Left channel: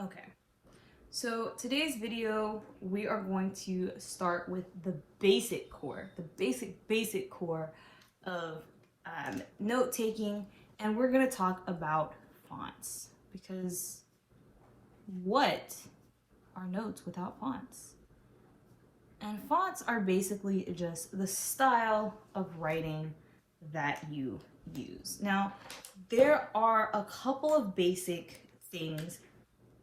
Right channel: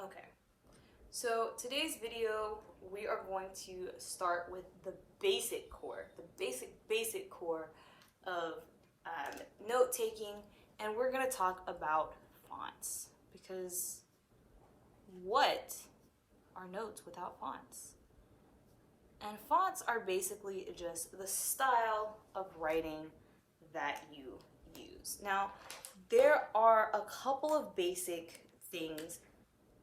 Okay, so today's video, we are going to start with the basic core, the basic core of note taking, and we're going to talk about fonts, because what are notes without fonts? And fonts are basically just the style of writing that you use. Now, there are a couple of basic things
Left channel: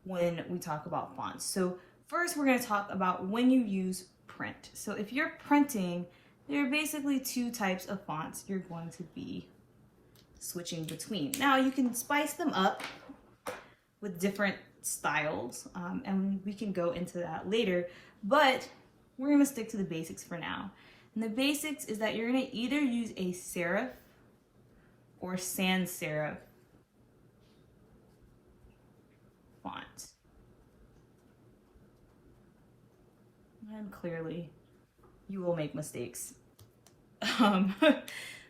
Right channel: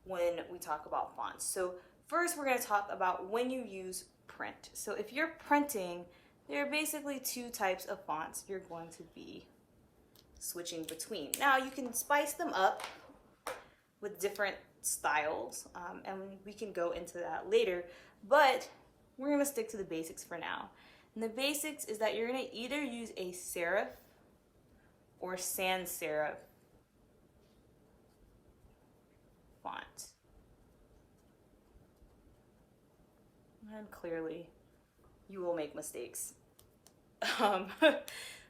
when we talk about fonts. So first, we're going to talk about when you use print. So if you're printing, there are basically two types of fonts you're going to be switching between. Now, you can spice them up with different styles, and we can go into that later, but we're going to stick to the basics for now. And the basics is that you're going to either use a serif or sans serif font. And clearly, you will make mistakes.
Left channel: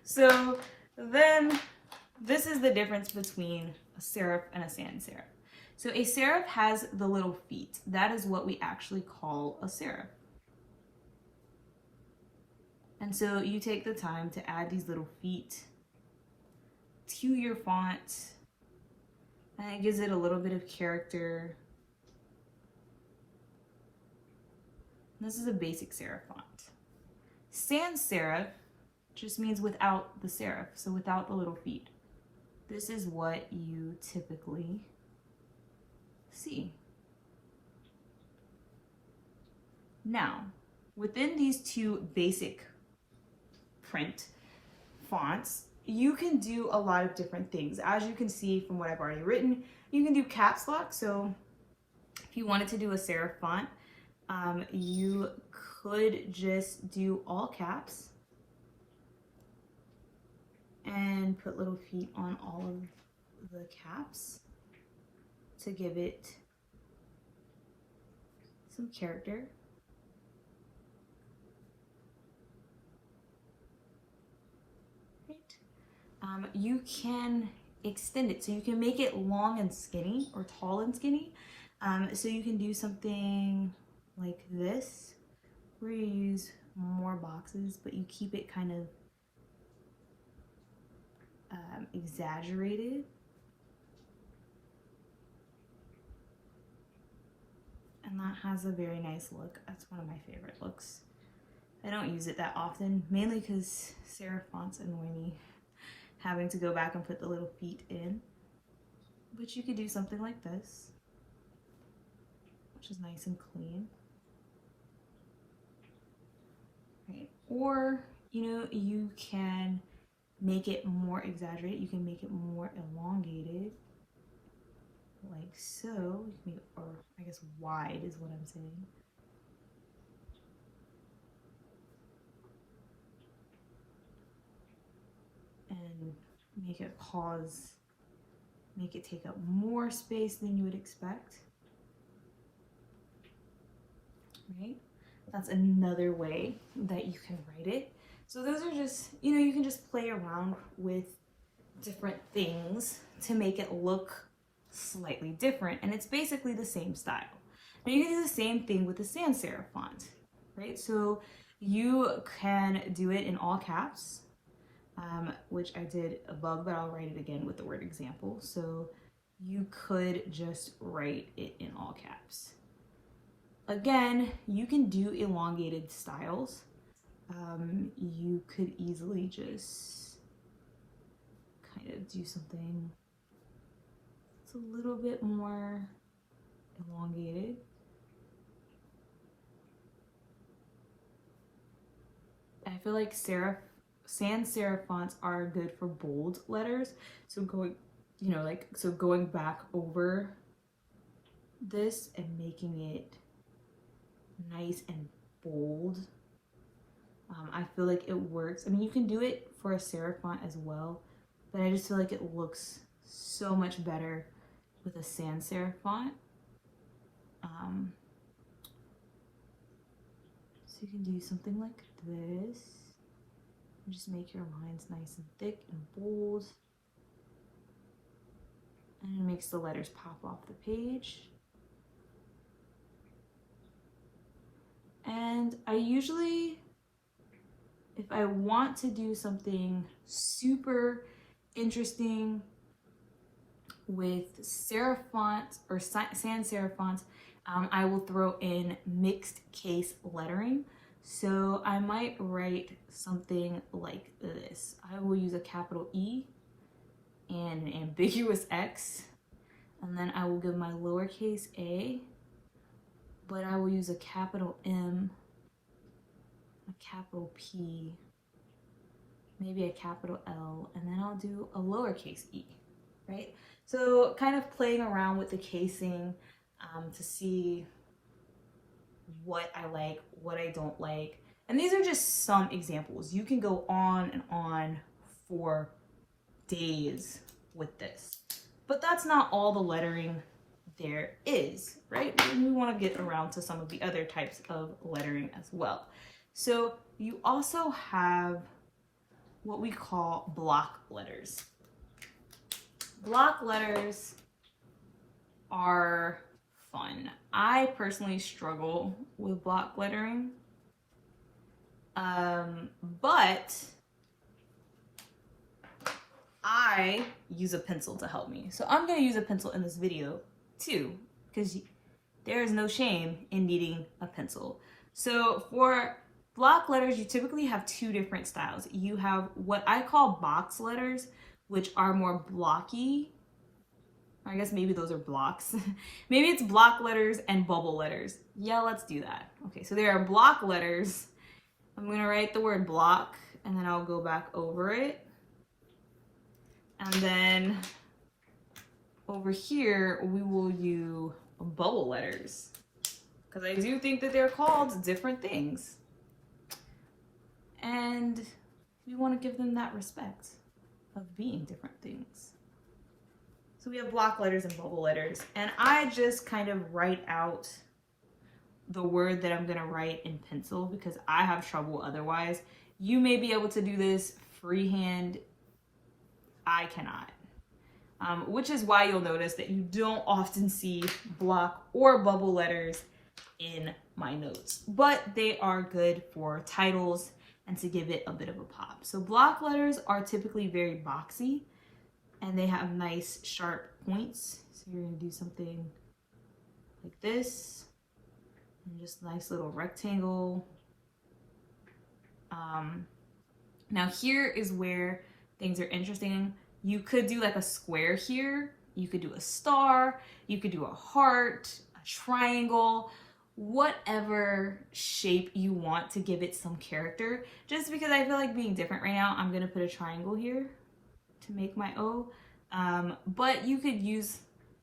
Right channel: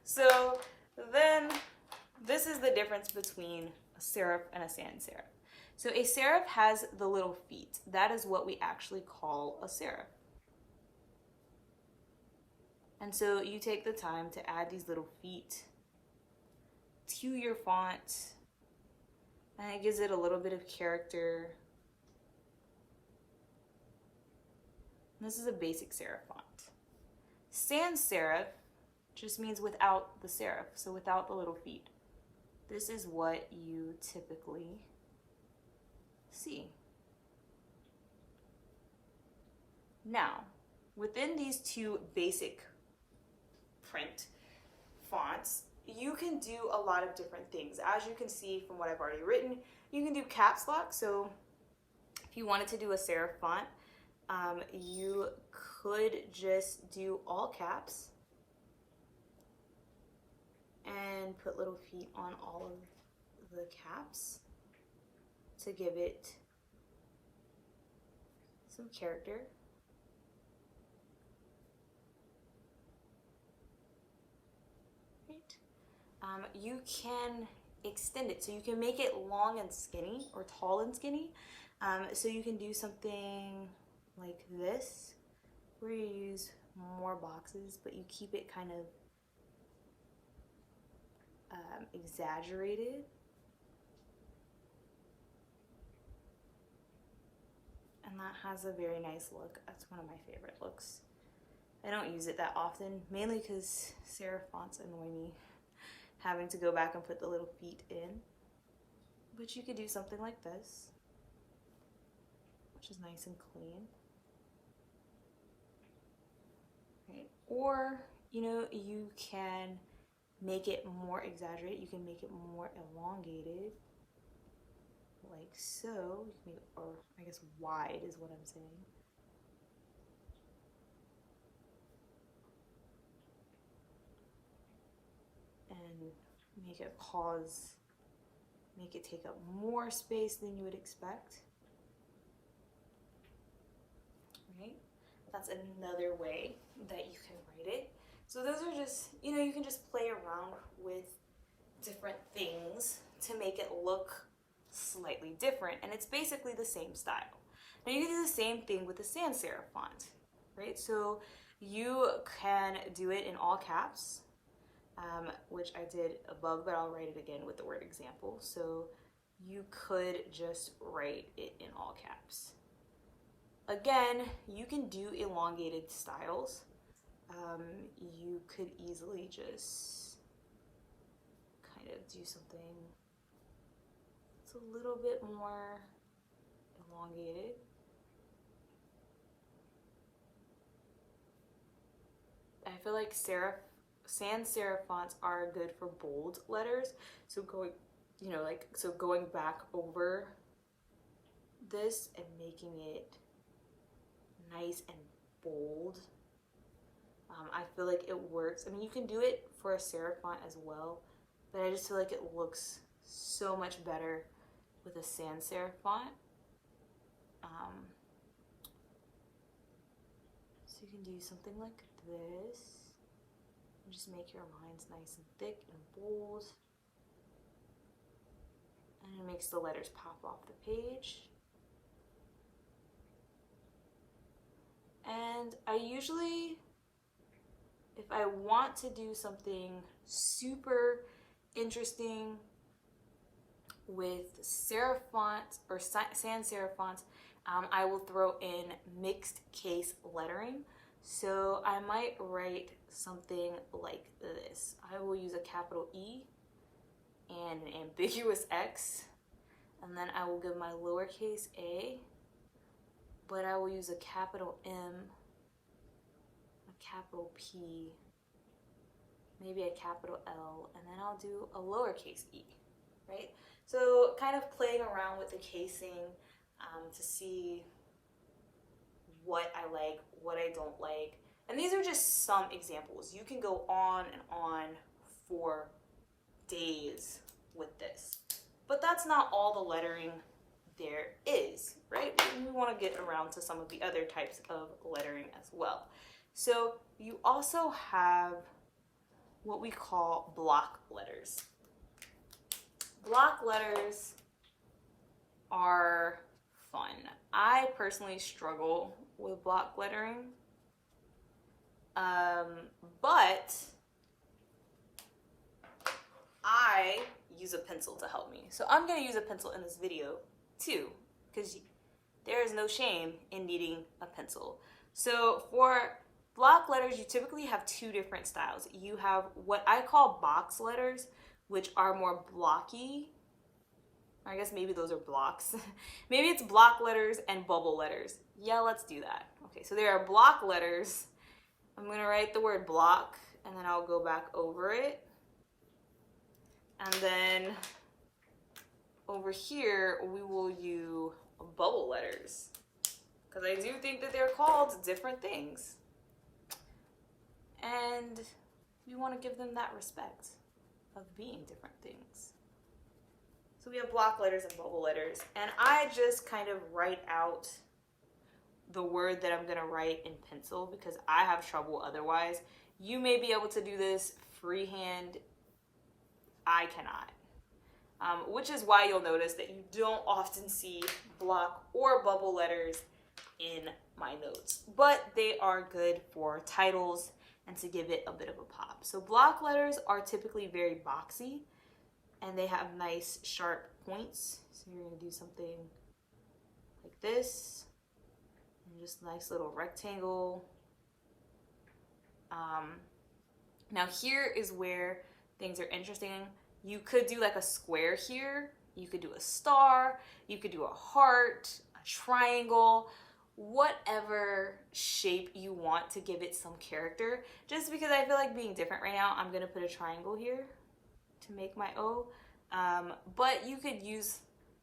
So then, this is the difference between a serif and a sans serif. So a serif has the little feet. That is what we actually call a serif. And so you take the time to add these little feet to your font, and it gives it a little bit of character. This is a basic serif font. Sans serif just means without the serif, so without the little feet. This is what you typically see. Now, within these two basic print fonts, you can do a lot of different things. As you can see from what I've already written, you can do caps lock. So if you wanted to do a serif font, you could just do all caps and put little feet on all of the caps to give it some character. You can extend it, so you can make it long and skinny or tall and skinny. So you can do something like this, where you use more boxes, but you keep it kind of exaggerated. And that has a very nice look. That's one of my favorite looks. I don't use it that often, mainly because serif fonts annoy me, having to go back and put the little feet in. But you could do something like this, which is nice and clean. Right? Or, you can make it more exaggerated. You can make it more elongated, like so. Or I guess wide is what I'm saying. And make it pause, make it take up more space than you would expect. Right? That's another way that you can write it. So those are just, you can just play around with different things to make it look slightly different, and it's basically the same style. And you can do the same thing with the sans serif font, right? So you can do it in all caps, which I did above, but I'll write it again with the word example. So you could just write it in all caps. Again, you can do elongated styles. You could easily just kind of do something that's a little bit more elongated. I feel like sans serif fonts are good for bold letters. So going back over this and making it nice and bold. I feel like it works. I mean, you can do it for a serif font as well, but I just feel like it looks so much better with a sans serif font. So you can do something like this. Just make your lines nice and thick and bold. And it makes the letters pop off the page. And I usually, if I want to do something super interesting with serif fonts or sans serif fonts, I will throw in mixed case lettering. So I might write something like this. I will use a capital E and an ambiguous X, and then I will give my lowercase a, but I will use a capital M, a capital P, maybe a capital L, and then I'll do a lowercase e, right? So kind of playing around with the casing to see what I like, what I don't like. And these are just some examples. You can go on and on for days with this. But that's not all the lettering there is, right? We want to get around to some of the other types of lettering as well. So you also have what we call block letters. Block letters are fun. I personally struggle with block lettering, but I use a pencil to help me. So I'm going to use a pencil in this video too, because there is no shame in needing a pencil. So for block letters, you typically have two different styles. You have what I call box letters, which are more blocky. I guess maybe those are blocks. Maybe it's block letters and bubble letters. Yeah, let's do that. Okay, so there are block letters. I'm gonna write the word block and then I'll go back over it. And then over here, we will use bubble letters, because I do think that they're called different things. And you want to give them that respect of being different things. So we have block letters and bubble letters, and I just kind of write out the word that I'm going to write in pencil because I have trouble otherwise. You may be able to do this freehand. I cannot. Which is why you'll notice that you don't often see block or bubble letters in my notes, but they are good for titles and to give it a bit of a pop. So block letters are typically very boxy and they have nice sharp points. So you're going to do something like this, and just a nice little rectangle. Now here is where things are interesting. You could do like a square here. You could do a star. You could do a heart, a triangle, whatever shape you want to give it some character. Just because I feel like being different right now, I'm gonna put a triangle here to make my O. But you could use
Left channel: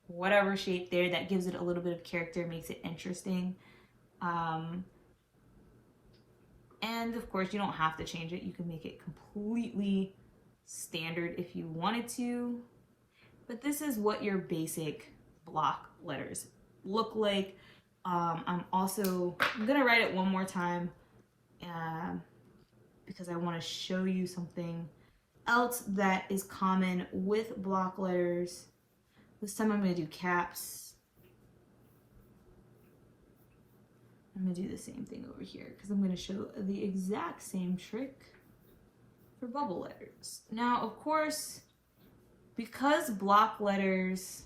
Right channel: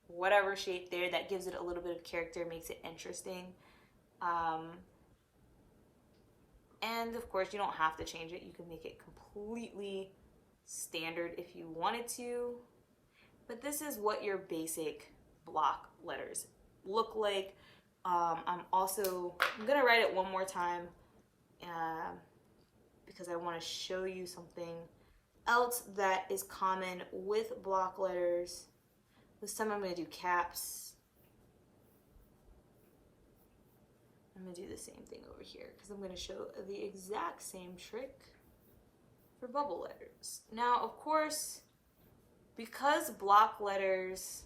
whatever shape there that gives it a little bit of character, makes it interesting. And of course, you don't have to change it. You can make it completely standard if you wanted to. But this is what your basic block letters look like. I'm gonna write it one more time because I want to show you something else that is common with block letters. This time I'm going to do caps. I'm going to do the same thing over here because I'm going to show the exact same trick for bubble letters. Now, of course, because block letters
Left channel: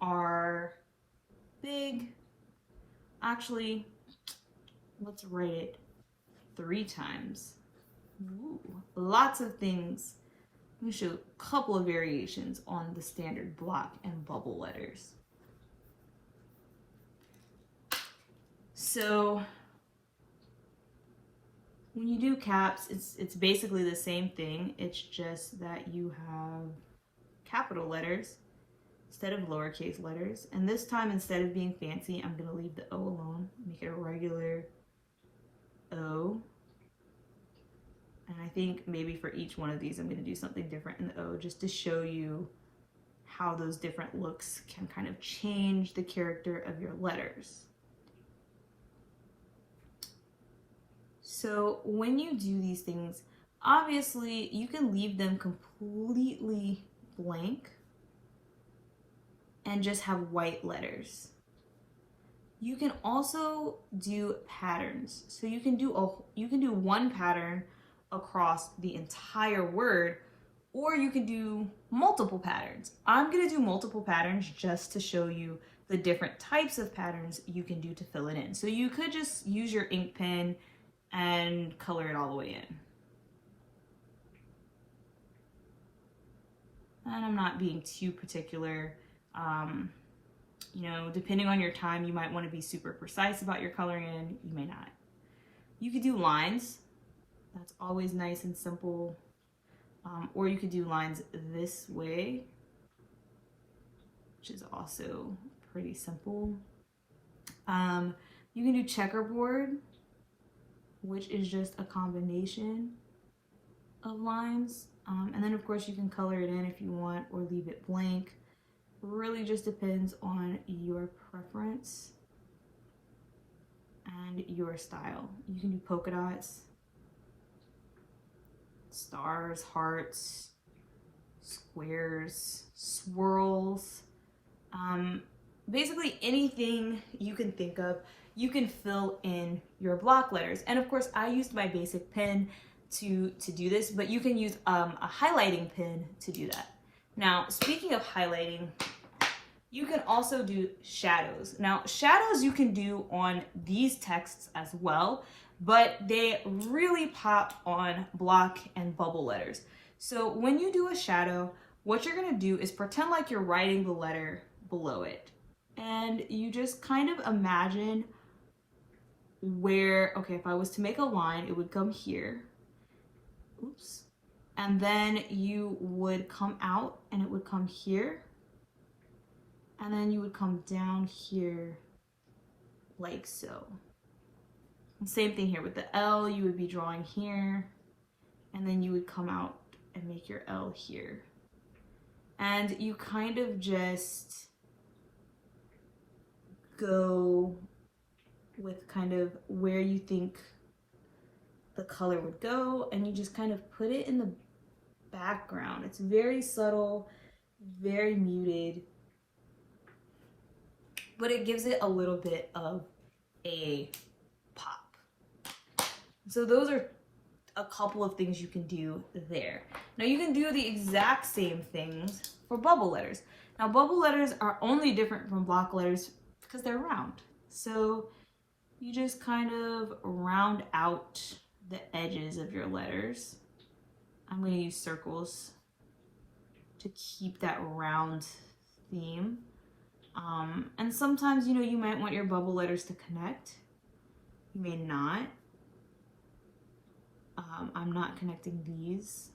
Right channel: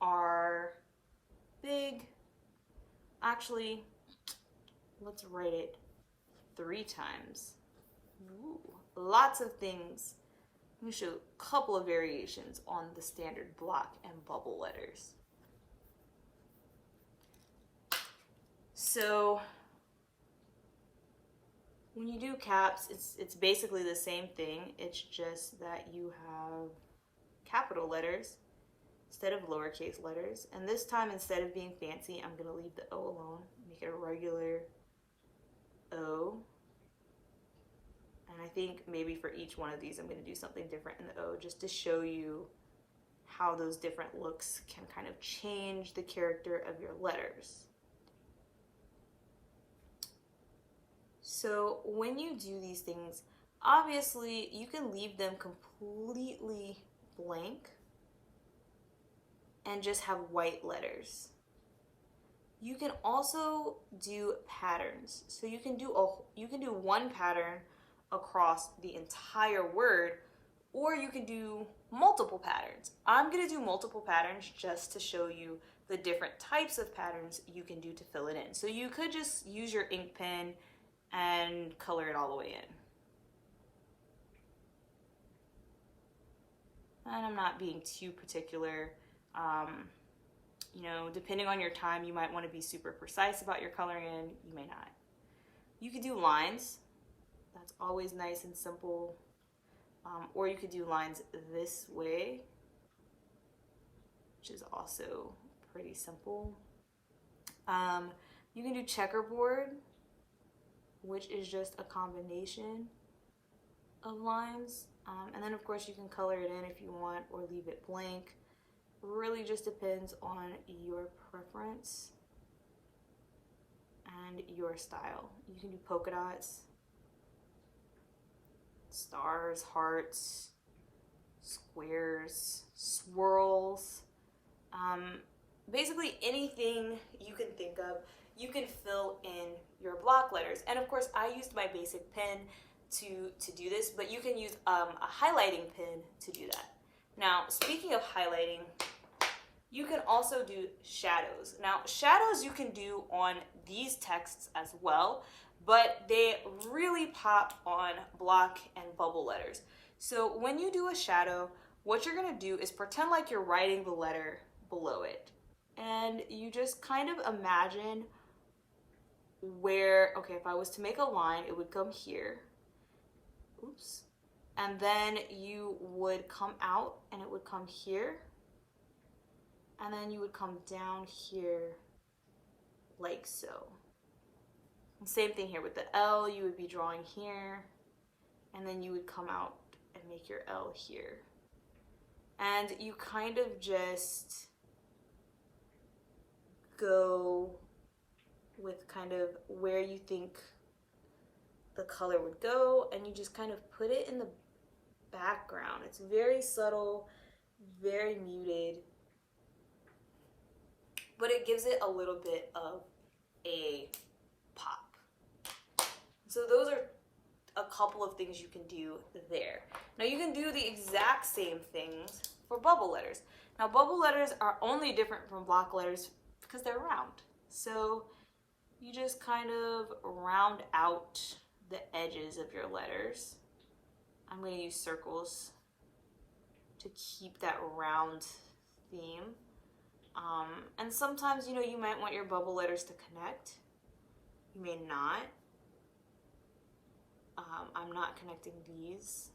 are big, actually, let's write it 3 times. Ooh, lots of things. I'm going to show a couple of variations on the standard block and bubble letters. So when you do caps, it's basically the same thing. It's just that you have capital letters instead of lowercase letters. And this time, instead of being fancy, I'm going to leave the O alone, make it a regular O. And I think maybe for each one of these, I'm going to do something different in the O just to show you how those different looks can kind of change the character of your letters. So when you do these things, obviously you can leave them completely blank and just have white letters. You can also do patterns. So you can do one pattern across the entire word, or you can do multiple patterns. I'm going to do multiple patterns just to show you the different types of patterns you can do to fill it in. So you could just use your ink pen and color it all the way in. And I'm not being too particular. You know, depending on your time, you might want to be super precise about your coloring in, you may not. You could do lines. That's always nice and simple. Or you could do lines this way, which is also pretty simple. You can do checkerboard, which is just a combination of lines. And then of course you can color it in if you want or leave it blank. It really just depends on your preference and your style. You can do polka dots, stars, hearts, squares, swirls, basically anything you can think of, you can fill in your block letters. And of course I used my basic pen to do this, but you can use a highlighting pen to do that. Now, speaking of highlighting, you can also do shadows. Now, shadows you can do on these texts as well, but they really pop on block and bubble letters. So when you do a shadow, what you're gonna do is pretend like you're writing the letter below it. And you just kind of imagine where, okay, if I was to make a line, it would come here. Oops. And then you would come out and it would come here. And then you would come down here like so. And same thing here with the L, you would be drawing here, and then you would come out and make your L here. And you kind of just go with kind of where you think the color would go, and you just kind of put it in the background. It's very subtle, very muted, but it gives it a little bit of a pop. So those are a couple of things you can do there. Now you can do the exact same things for bubble letters. Now bubble letters are only different from block letters because they're round. So you just kind of round out the edges of your letters. I'm going to use circles to keep that round theme. And sometimes, you know, you might want your bubble letters to connect. You may not. I'm not connecting these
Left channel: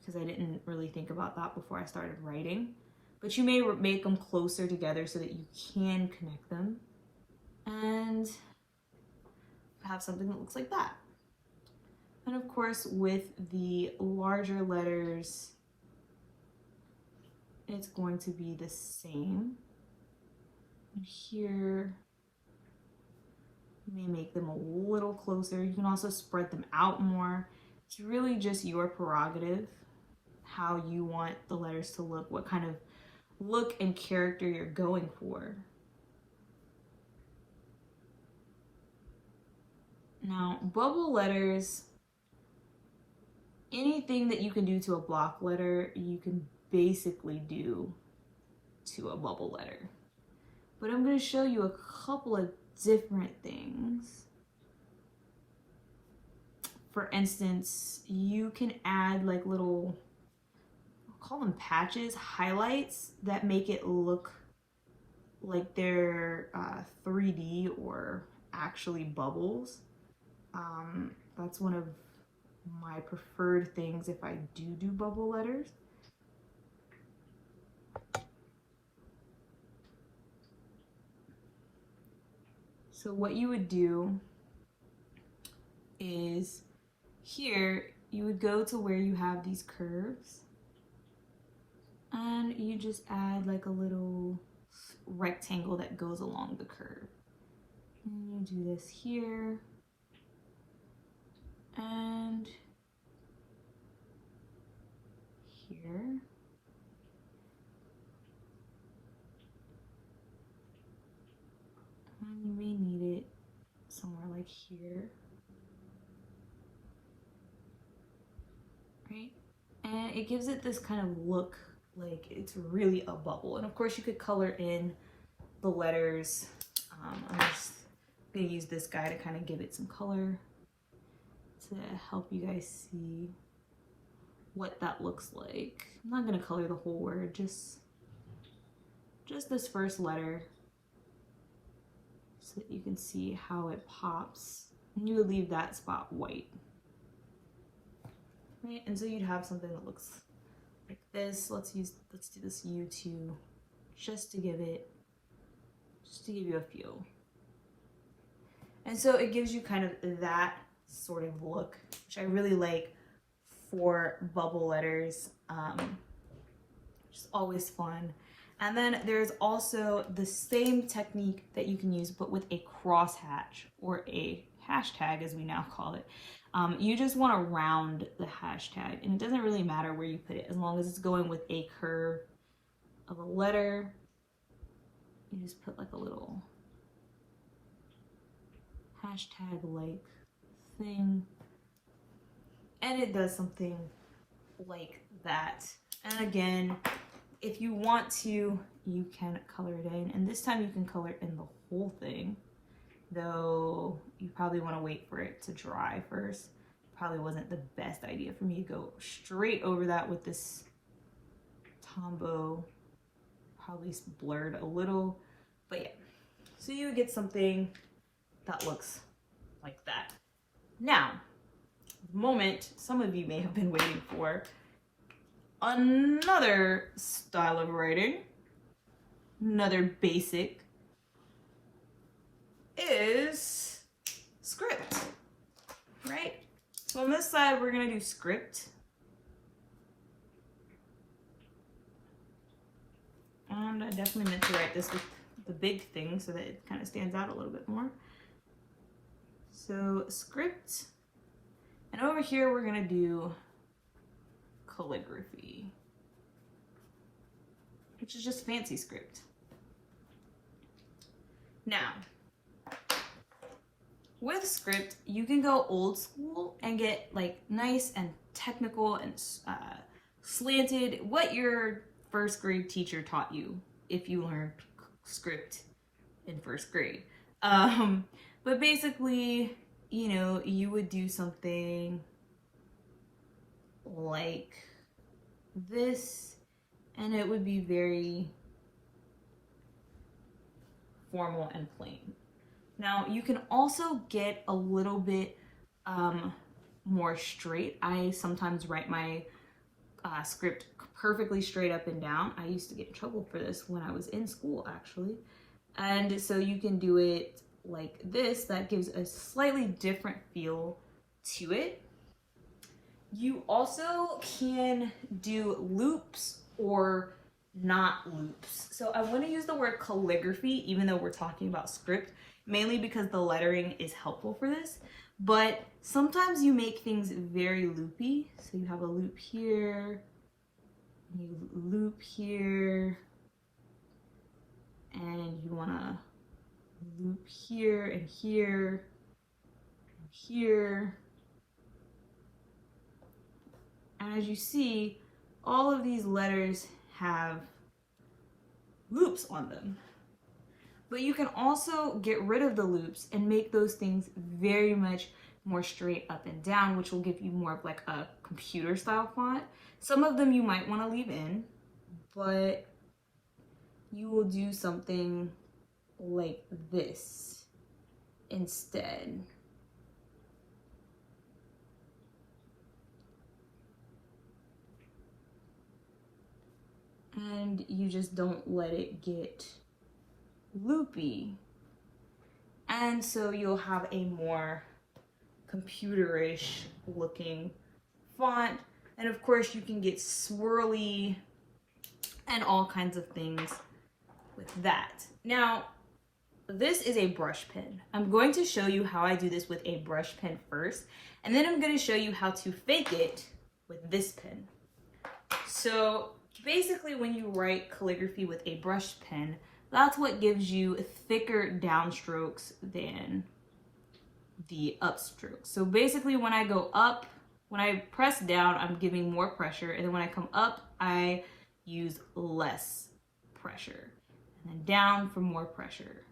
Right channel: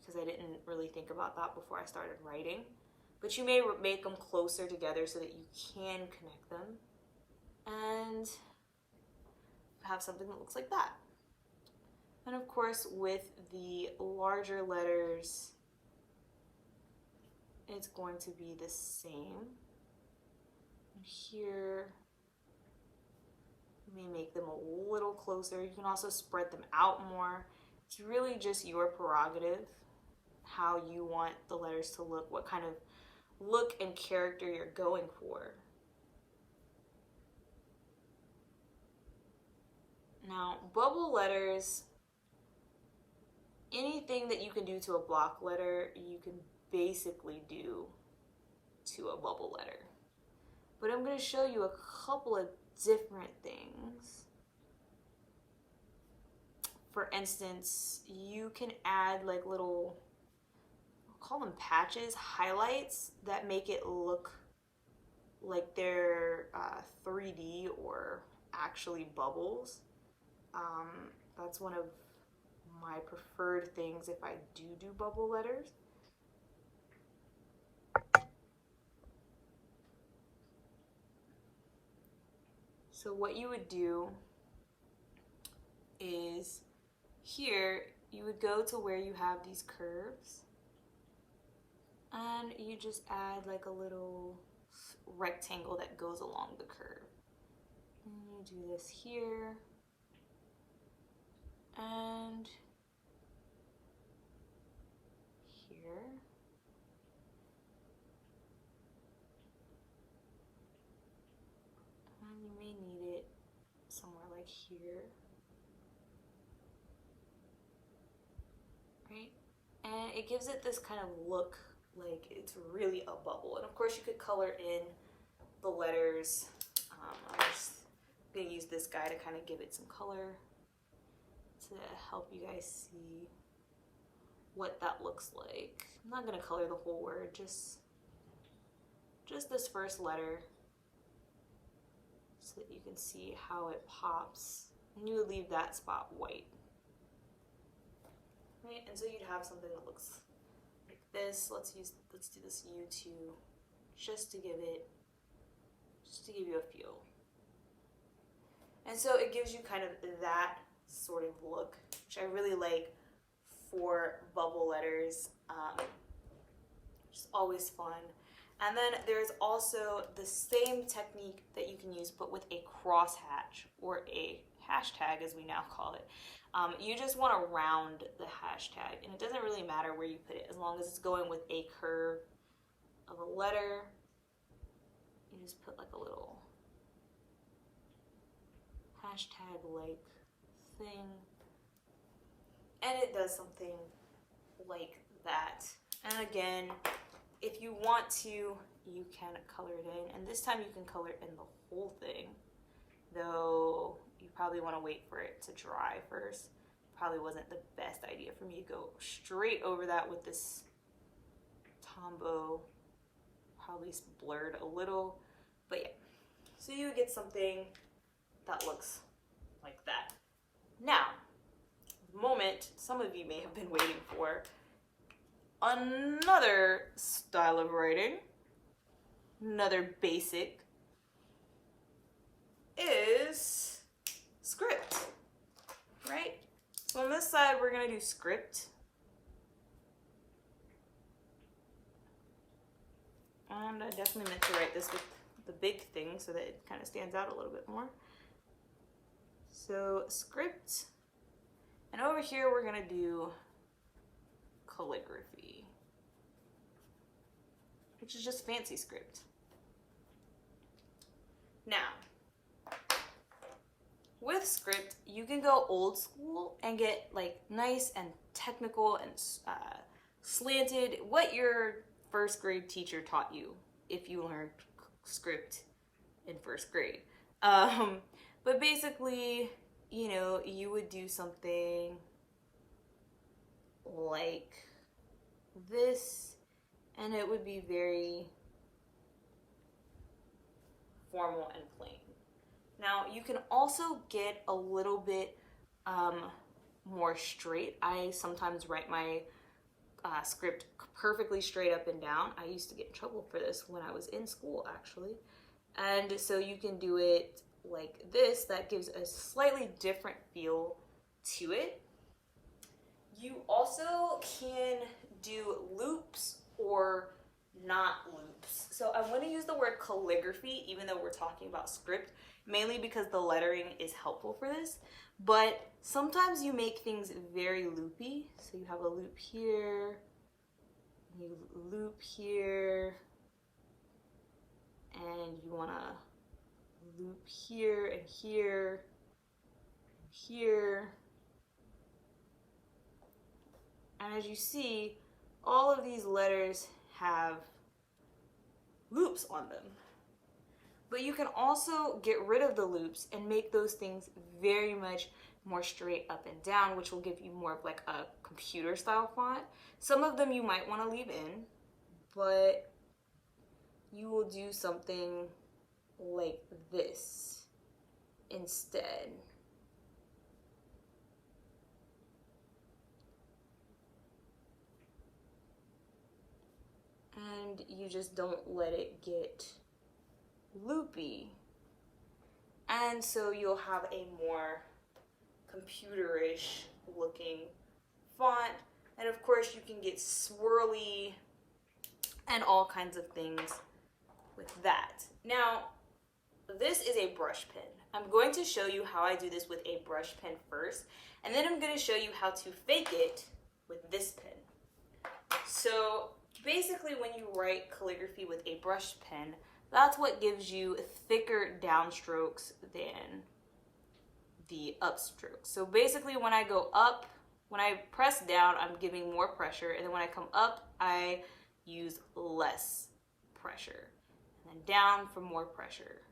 because I didn't really think about that before I started writing. But you may make them closer together so that you can connect them. And have something that looks like that. And of course, with the larger letters, it's going to be the same. And here, you may make them a little closer. You can also spread them out more. It's really just your prerogative, how you want the letters to look, what kind of look and character you're going for. Now, bubble letters, anything that you can do to a block letter, you can basically do to a bubble letter. But I'm going to show you a couple of different things. For instance, you can add like little, I'll call them patches, highlights that make it look like they're 3D or actually bubbles. That's one of my preferred things if I do bubble letters. So what you would do is here you would go to where you have these curves and you just add like a little rectangle that goes along the curve. And you do this here and here. here. Right? And it gives it this kind of look like it's really a bubble. And of course you could color in the letters. I'm just gonna use this guy to kind of give it some color to help you guys see what that looks like. I'm not gonna color the whole word, just this first letter so that you can see how it pops. And you would leave that spot white. Right, and so you'd have something that looks like this. Let's do this U2 just to give you a feel. And so it gives you kind of that sort of look, which I really like for bubble letters, which is always fun. And then there's also the same technique that you can use, but with a crosshatch or a hashtag, as we now call it. You just want to round the hashtag, and it doesn't really matter where you put it, as long as it's going with a curve of a letter. You just put like a little hashtag-like thing, and it does something like that. And again, if you want to, you can color it in, and this time you can color in the whole thing, though you probably want to wait for it to dry first. Probably wasn't the best idea for me to go straight over that with this Tombow. Probably blurred a little, but yeah. So you get something that looks like that. Now, the moment some of you may have been waiting for, another style of writing, another basic, is script, right? So on this side, we're gonna do script. And I definitely meant to write this with the big thing so that it kind of stands out a little bit more. So script, and over here we're gonna do calligraphy, which is just fancy script. Now, with script, you can go old school and get like nice and technical and slanted, what your first grade teacher taught you if you learned script in first grade. But basically, you know, you would do something like this, and it would be very formal and plain. Now, you can also get a little bit more straight. I sometimes write my script perfectly straight up and down. I used to get in trouble for this when I was in school, actually. And so you can do it like this. That gives a slightly different feel to it. You also can do loops or not loops. So I want to use the word calligraphy, even though we're talking about script, mainly because the lettering is helpful for this. But sometimes you make things very loopy. So you have a loop here, you loop here, and you want to loop here and here and here. And as you see, all of these letters have loops on them. But you can also get rid of the loops and make those things very much more straight up and down, which will give you more of like a computer style font. Some of them you might want to leave in, but you will do something like this instead. And you just don't let it get loopy. And so you'll have a more computerish looking font. And of course you can get swirly and all kinds of things with that. Now, this is a brush pen. I'm going to show you how I do this with a brush pen first, and then I'm going to show you how to fake it with this pen. So basically when you write calligraphy with a brush pen, that's what gives you thicker downstrokes than the upstroke. So basically when I go up, when I press down, I'm giving more pressure, and then when I come up, I use less pressure, and then down for more pressure.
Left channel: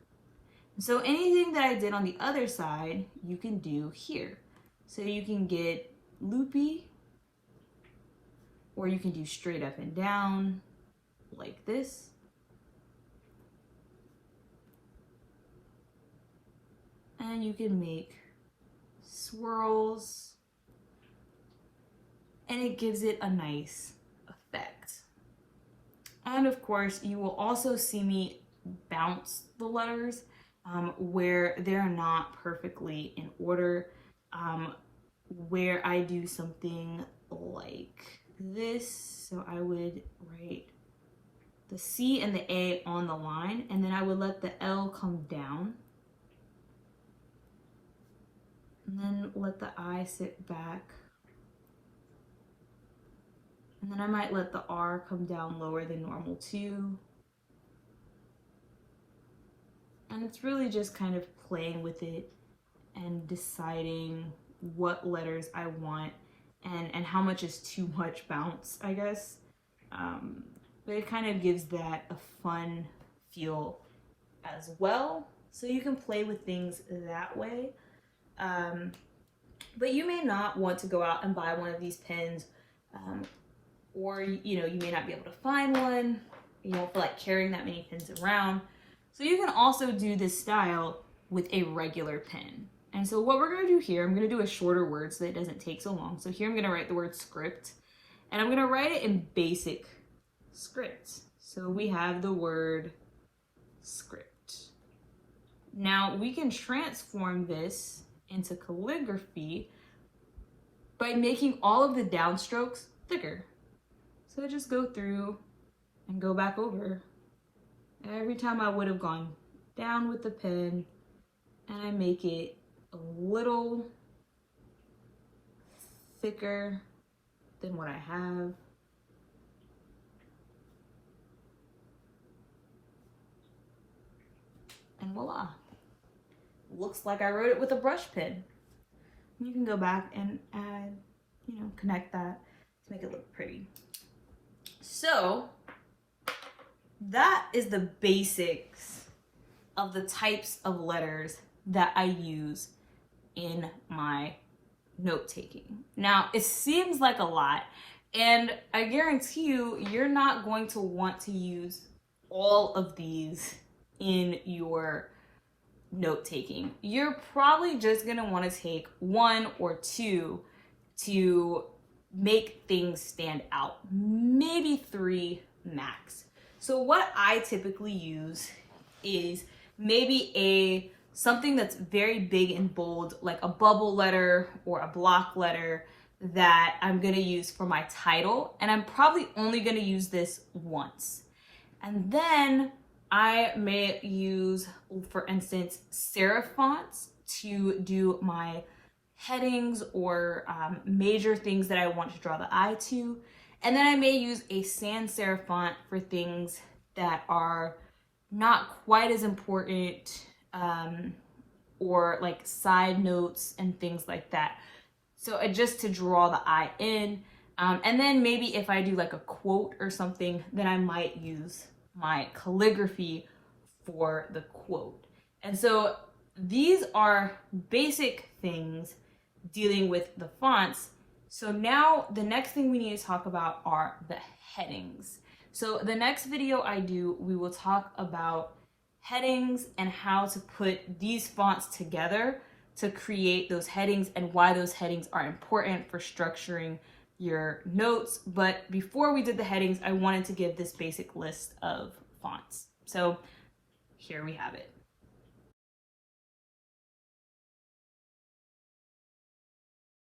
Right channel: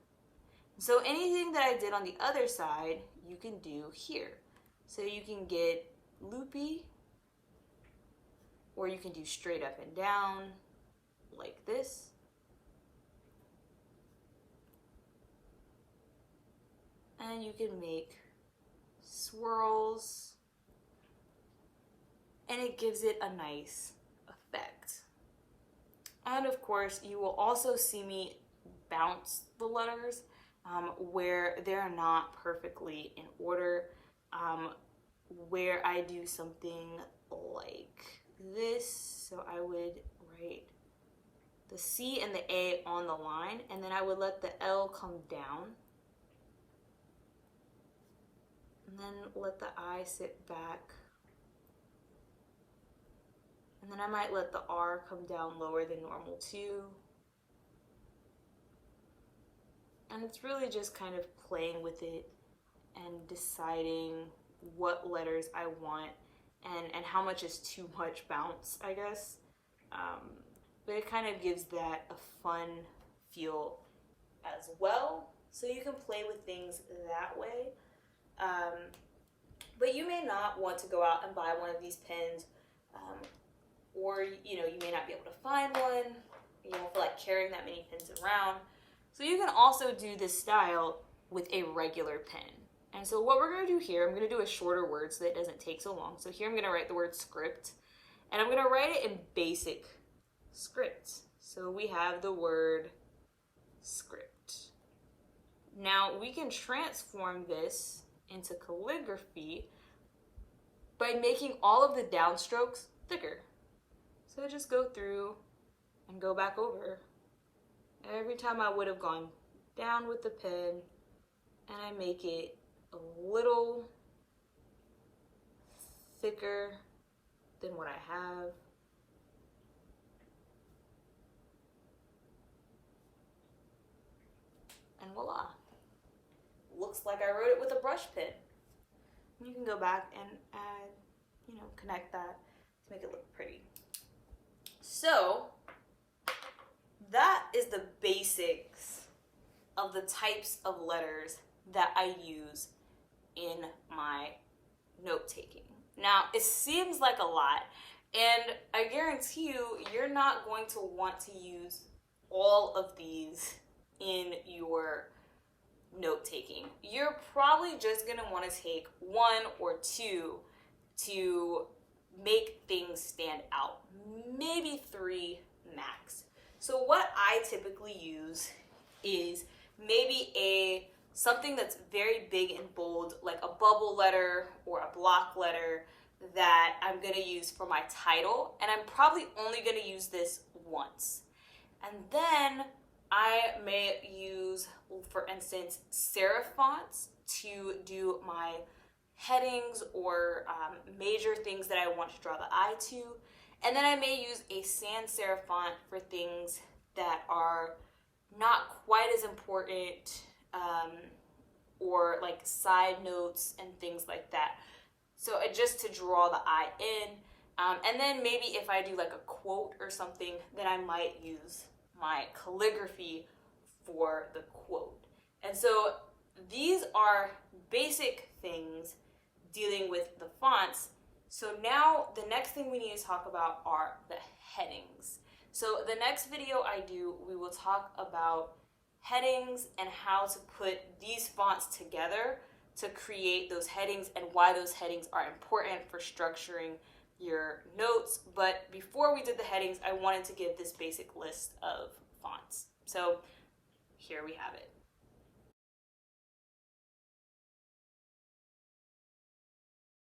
So anything that I did on the other side, you can do here. So you can get loopy, or you can do straight up and down like this. And you can make swirls, and it gives it a nice effect. And of course, you will also see me bounce the letters where they're not perfectly in order, where I do something like this. So I would write the C and the A on the line, and then I would let the L come down, and then let the I sit back, and then I might let the R come down lower than normal too. And it's really just kind of playing with it and deciding what letters I want and how much is too much bounce, I guess. But it kind of gives that a fun feel as well. So you can play with things that way. But you may not want to go out and buy one of these pens, or you may not be able to find one. You don't feel like carrying that many pens around. So you can also do this style with a regular pen. And so what we're going to do here, I'm going to do a shorter word so that it doesn't take so long. So here I'm going to write the word script, and I'm going to write it in basic script. So we have the word script. Now we can transform this into calligraphy by making all of the downstrokes thicker. So just go through and go back over. Every time I would have gone down with the pen, and I make it a little thicker than what I have. And voila. Looks like I wrote it with a brush pen. You can go back and add, connect that to make it look pretty. So that is the basics of the types of letters that I use in my note-taking. Now, it seems like a lot, and I guarantee you, you're not going to want to use all of these in your note-taking. You're probably just gonna want to take one or two to make things stand out, maybe three max. So what I typically use is maybe something that's very big and bold, like a bubble letter or a block letter that I'm gonna use for my title, and I'm probably only gonna use this once. And then I may use, for instance, serif fonts to do my headings or major things that I want to draw the eye to. And then I may use a sans serif font for things that are not quite as important, or like side notes and things like that. So just to draw the eye in. And then maybe if I do like a quote or something, then I might use my calligraphy for the quote. And so these are basic things dealing with the fonts. So now the next thing we need to talk about are the headings. So the next video I do, we will talk about headings and how to put these fonts together to create those headings and why those headings are important for structuring your notes. But before we did the headings, I wanted to give this basic list of fonts. So here we have it.